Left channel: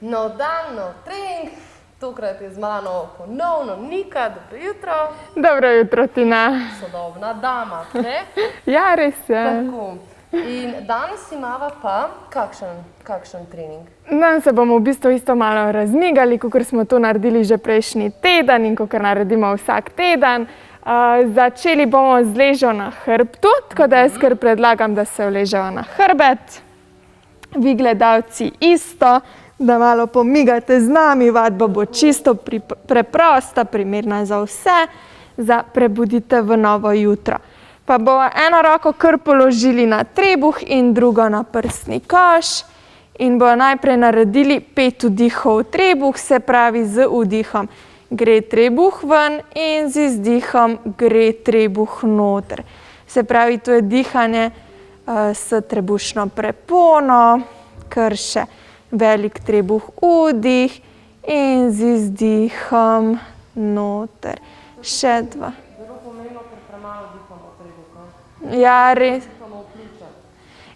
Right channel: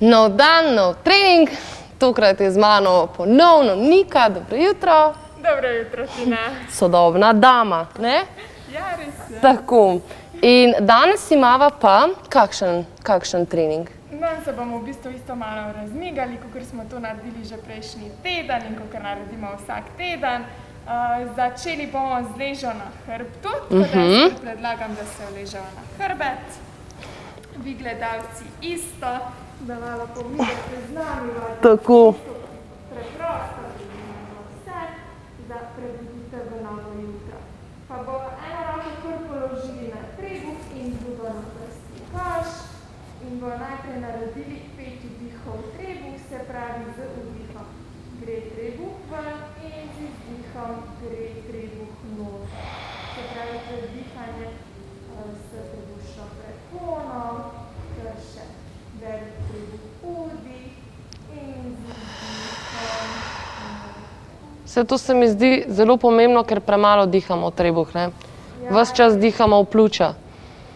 Nov dan, nov trening, tokrat je z mano ponovno Nika, dobro jutro. Dobro jutro, Tina. Sodobna dama, ne? Ja, res je. Tako. In danes imava pa kakšen trening? Danes se bomo v bistvu isto malo razmigali, kakor smo to naredili že prejšnji teden in kakor naredimo vsak teden. Začeli bomo z ležo na hrbtu, tako da jaz kar predlagam, da se uležejo na hrbet. Vi gledalci isto, da malo pomigate z nami, vadba bo čisto preprosta, primerna za vse, za prebudite v novo jutro. Pa bomo eno roko kar položili na trebuh in drugo na prsni koš in bomo najprej naredili 5 vdihov v trebuh, se pravi z vdihom gre trebuh ven in z izdihom gre trebuh noter. Se pravi, to je dihanje s trebušno prepono, kar še velik trebuh vdih in z izdihom noter. To se mi zdi zelo pomembno, ker premalo dihamo v trebuh, ne? Ja, ves čas dihamo v pljuča.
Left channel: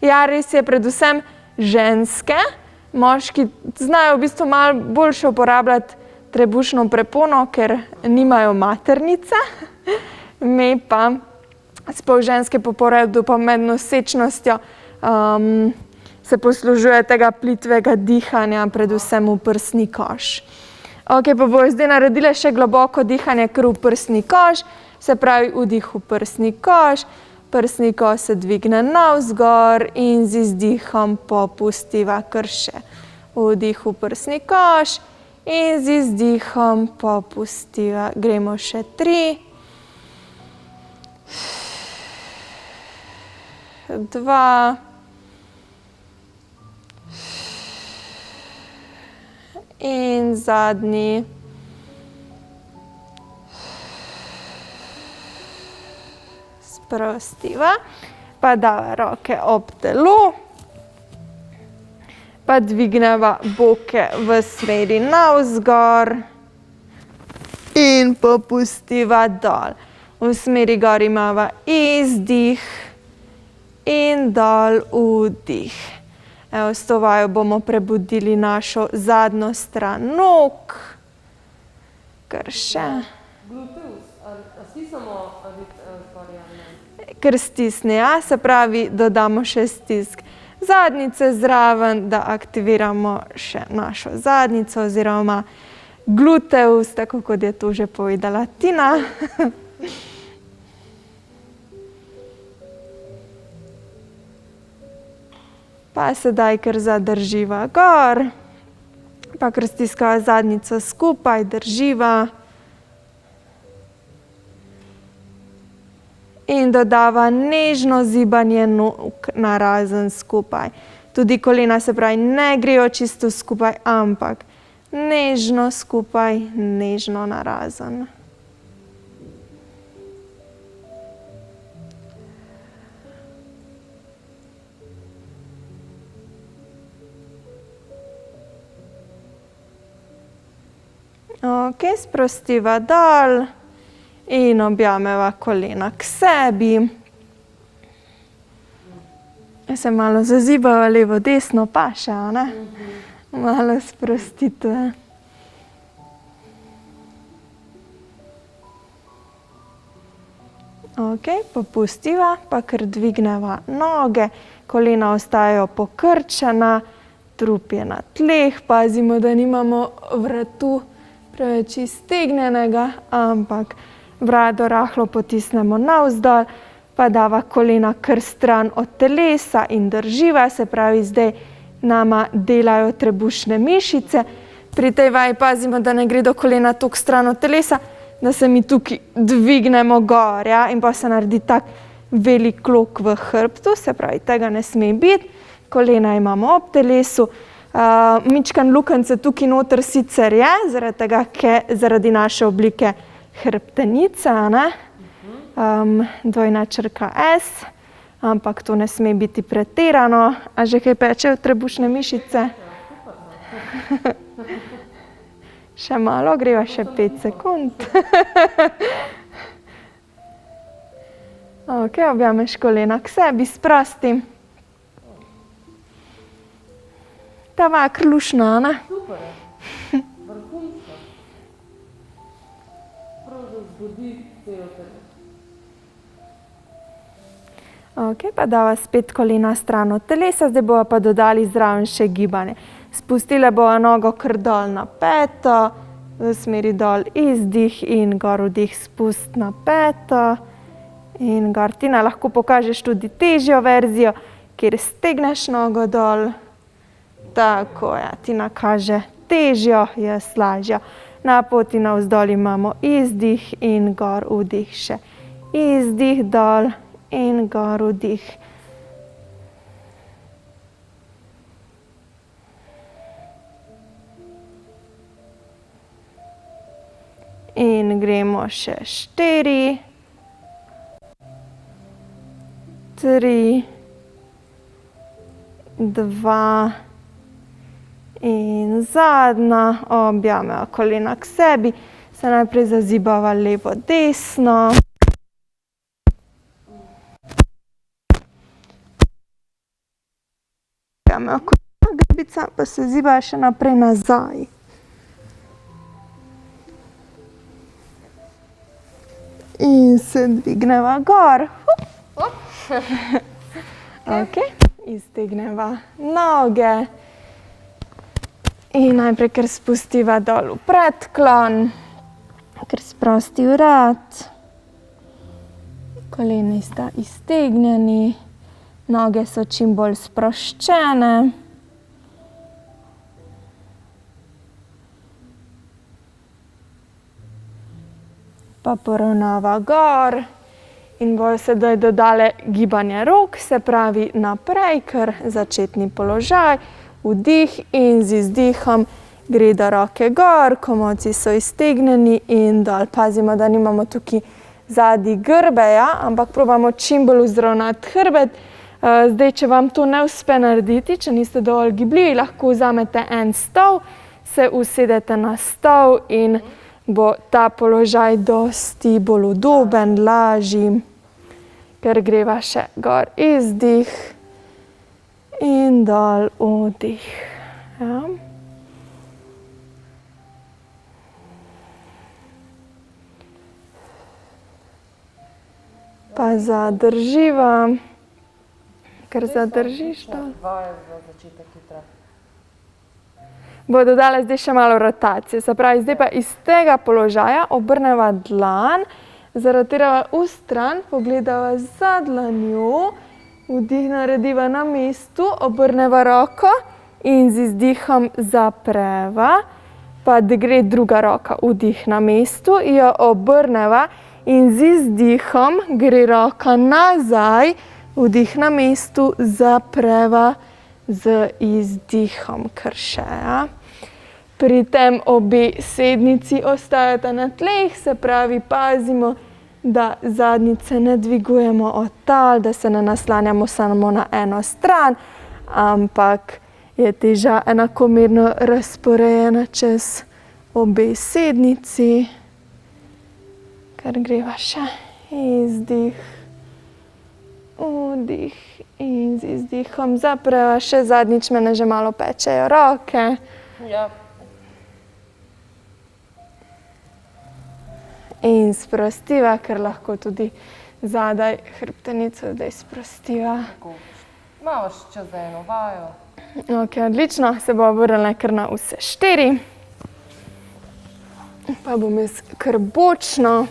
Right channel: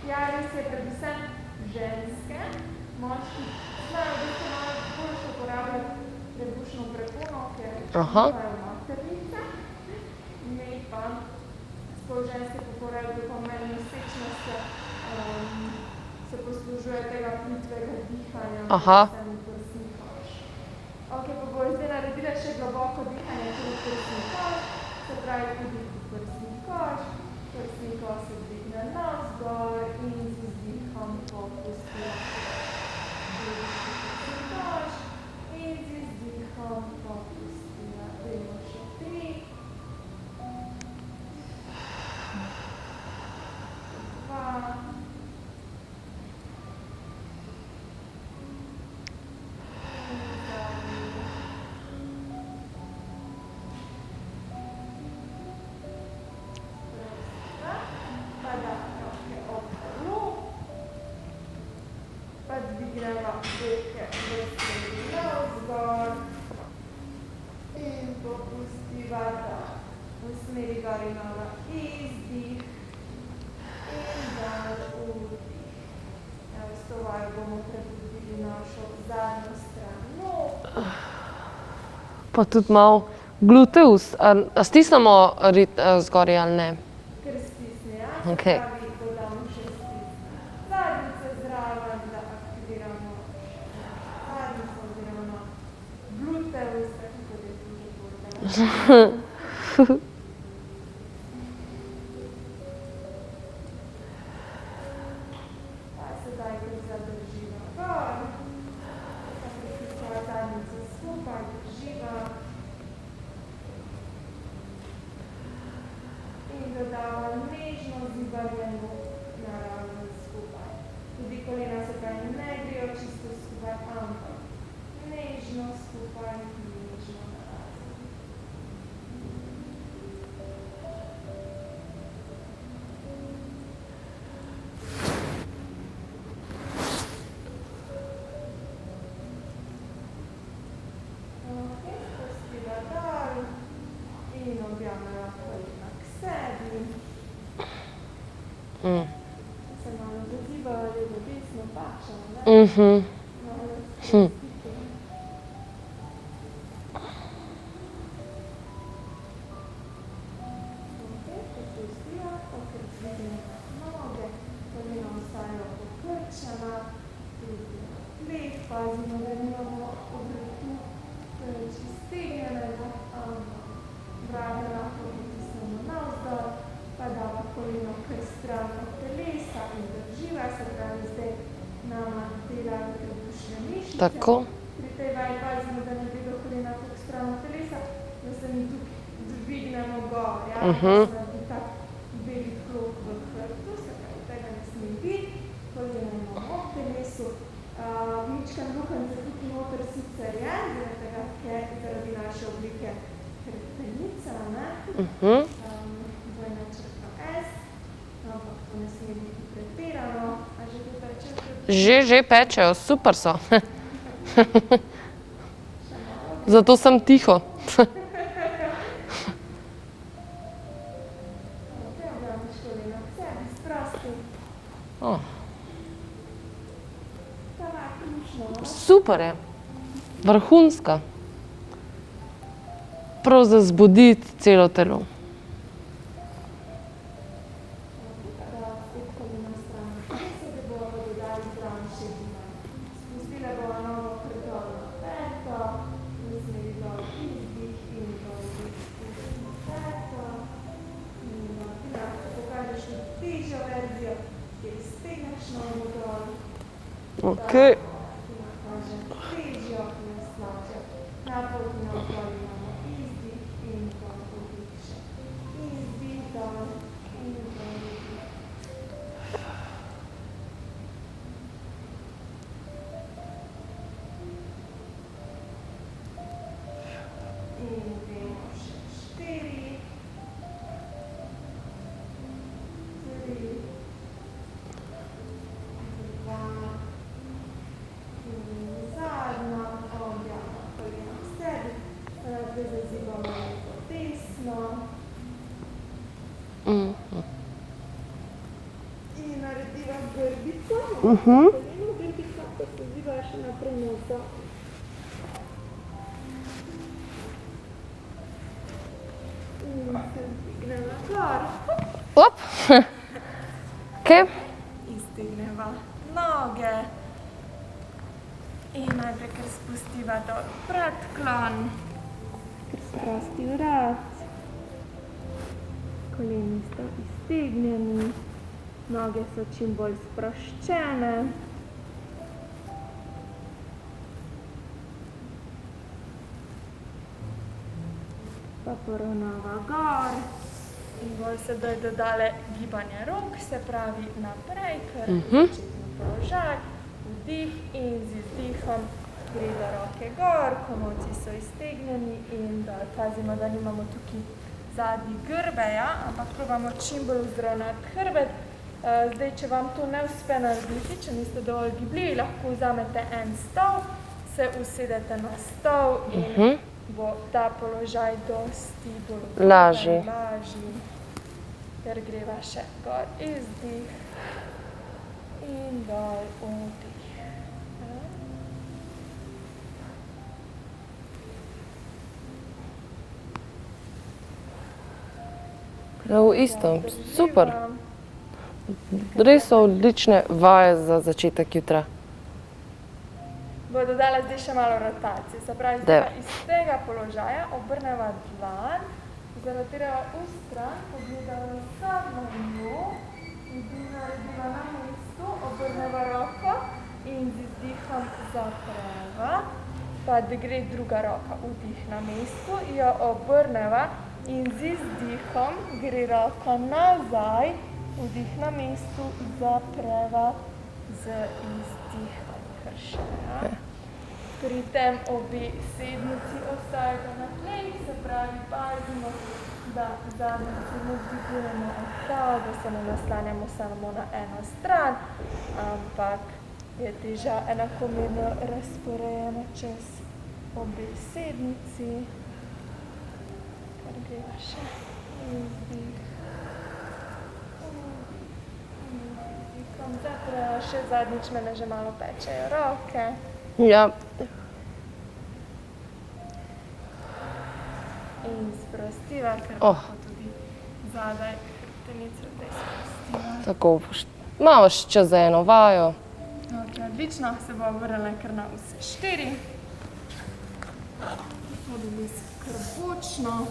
Ja, res je, predvsem ženske. Moški znajo v bistvu malo boljše uporabljati trebušno prepono, ker nimajo maternice. Me pa, sploh ženske po porodu pa med nosečnostjo, se poslužuje tega plitvega dihanja, predvsem v prsni koš. Ok, pa bojo zdaj naredile še globoko dihanje kar v prsni koš, se pravi vdih v prsni koš, prsni koš se dvigne navzgor in z izdihom popustiva kar še. Vdih v prsni koš in z izdihom popustiva. Gremo še 3, 2, in zadnji. Sprostiva, pa dava roke ob telo, pa dvigneva boke v smeri navzgor in popustiva dol. V smeri gor imava izdih in dol vdih. Evo, s to vajo bomo prebudili našo zadnjo stran nog. Pa tudi malo gluteus. A stisnemo zgoraj ali ne? Kar stisne, ja. Se pravi, dodamo še stisk zadnjice zraven, da aktiviramo še našo zadnjico oziroma gluteus, tako kot je to že povedala Tina. Pa sedaj kar zadrživa gor, pa kar stiskava zadnjico skupaj, drživa. In dodava nežno zibanje nog narazen skupaj. Tudi kolena, se pravi, ne grejo čisto skupaj, ampak nežno skupaj, nežno narazen. Ok, sprostiva dol in objameva kolena k sebi. Se malo zazibava levo, desno, paše, a ne? Malo sprostitve. Ok, popustiva, pa kar dvigneva noge, kolena ostajajo pokrčena, trup je na tleh, pazimo, da nimamo vratu preveč iztegnjenega, ampak brado rahlo potisnemo navzdol, pa dava kolena kar stran od telesa in drživa, se pravi, zdaj nama delajo trebušne mišice. Pri tej vaji pazimo, da ne gre do kolena toliko stran od telesa, da se mi tukaj dvignemo gor, ja, in pa se naredi tak velik klok v hrbtu, se pravi, tega ne sme biti. Kolena imamo ob telesu. Mičkan lukence tukaj noter sicer je, zaradi tega, ker zaradi naše oblike hrbtenice, ne? Dvojna črka S, ampak to ne sme biti pretirano. A že kaj pečejo trebušne mišice? Že pečejo, super so. Še malo, greva še 5 sekund. Zato sem tiho. Ok, objameš kolena k sebi, sprosti. Ta vak lušna, ne? Super je. Vrhunska. Prav za zbuditi celo telo. Ok, pa dava spet kolena stran od telesa, zdaj bova pa dodali zraven še gibanje. Spustile bova nogo kar dol na peto, v smeri dol izdih in gor vdih, spust na peto. In gor, Tina, lahko pokažeš tudi težjo verzijo, kjer stegneš nogo dol. Tako, ja, Tina kaže težjo, jaz lažjo. Na poti navzdol imamo izdih in gor vdih še. Izdih dol in gor vdih. In gremo še 4, 3, 2 in zadnja, objameva kolena k sebi, se najprej zazibava levo, desno. In narediva grbico, objameva kolena, grbica pa se ziba še naprej nazaj. In se dvigneva gor. Op. Okay. Iztegneva noge. In najprej kar spustiva dol v predklon, kar sprosti vrat. Koleni sta iztegnjeni, noge so čim bolj sproščene. Pa poravnava gor in bojo sedaj dodale gibanje rok, se pravi naprej, kar začetni položaj, vdih in z izdihom gre do roke gor, komolci so iztegnjeni in dol. Pazimo, da nimamo tukaj zadnji grbeja, ampak probamo čim bolj vzravnati hrbet. Zdaj, če vam to ne uspe narediti, če niste dovolj gibljivi, lahko vzamete en stol, se usedete na stol in bo ta položaj dosti bolj udoben, lažji. Ker greva še gor izdih in dol vdih. Ja. Pa zadrživa. Res so odlične vaje za začetek jutra. Bo dodala zdaj še malo rotacije. Se pravi, zdaj pa iz tega položaja obrneva dlan, zarotirava v stran, pogledava za dlanjo, vdih narediva na mestu, obrneva roko in z izdihom zapreva, pa da gre druga roka, vdih na mestu, jo obrneva in z izdihom gre roka nazaj, vdih na mestu, zapreva z izdihom kar še. Ja. Pri tem obe sednici ostajata na tleh, se pravi, pazimo, da zadnjice ne dvigujemo od tal, da se ne naslanjamo samo na eno stran, ampak je teža enakomerno razporejena čez obe sednici. Kar greva še izdih, vdih in z izdihom zapreva. Še zadnjič mene že malo pečejo roke. Ja. In sprostiva, ker lahko tudi zadaj hrbtenico zdaj sprostiva. Tako, imaš čas za eno vajo. Ok, odlično, se bo vrnila kar na vse 4. Pa bom jaz kar bočno.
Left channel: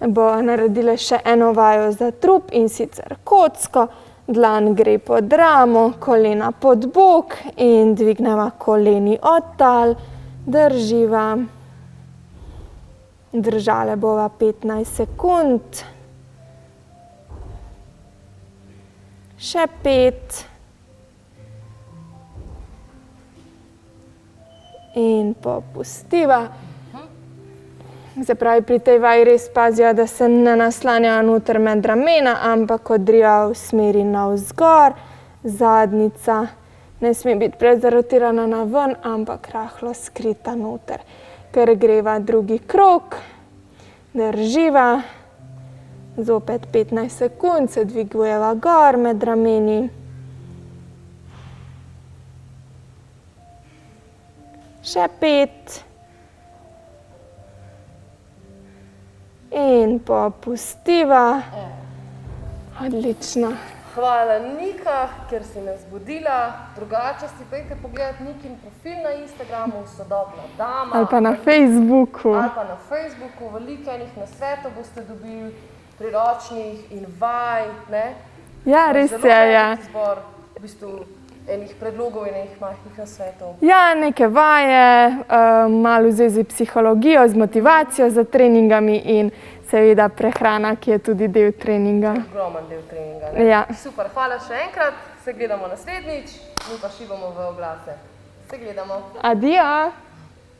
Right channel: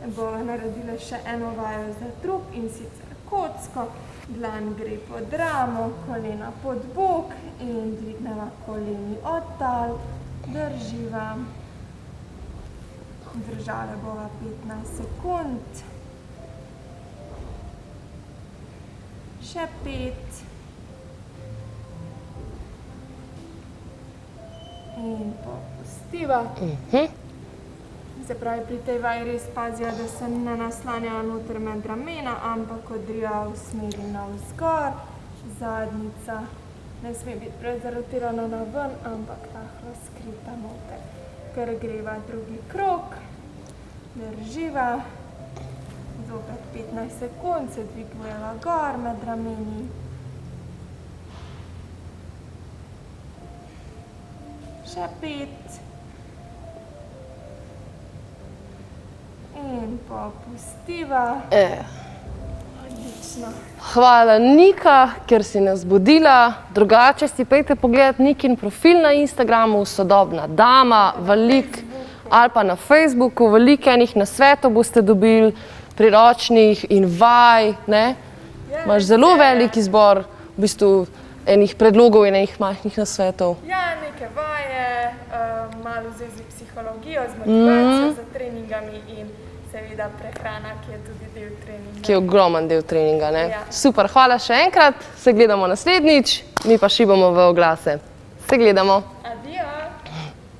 Bo naredila še eno vajo za trup in sicer kocko. Dlan gre pod ramo, kolena pod bok in dvigneva koleni od tal, drživa. Držale bova 15 sekund. Še 5. In popustiva. Se pravi, pri tej vaji res pazijo, da se ne naslanjajo noter med ramena, ampak odriva v smeri navzgor. Zadnjica ne sme biti prezarotirana na ven, ampak rahlo skrita noter. Ker greva drugi krog, drživa, zopet 15 sekund, se dvigujeva gor med rameni. Še 5. In popustiva. Odlično. Hvala, Nika, ker si nas budila. Drugače si pejte pogledati Nikin profil na Instagramu, Sodobna dama. Ali pa na Facebooku. Ali pa na Facebooku. Veliko enih nasvetov boste dobili, priročnih in vaj. Ne? Ja, Imaš res zelo je, velik izbor v bistvu enih predlogov in enih majhnih nasvetov. Ja, neke vaje, malo v zvezi s psihologijo, z motivacijo za treningami in seveda prehrana, ki je tudi del treninga. Ki je ogromen del treninga. Ne? Ja. Super, hvala še enkrat. Se gledamo naslednjič, mi pa šibamo v oglase. Se gledamo. Adijo!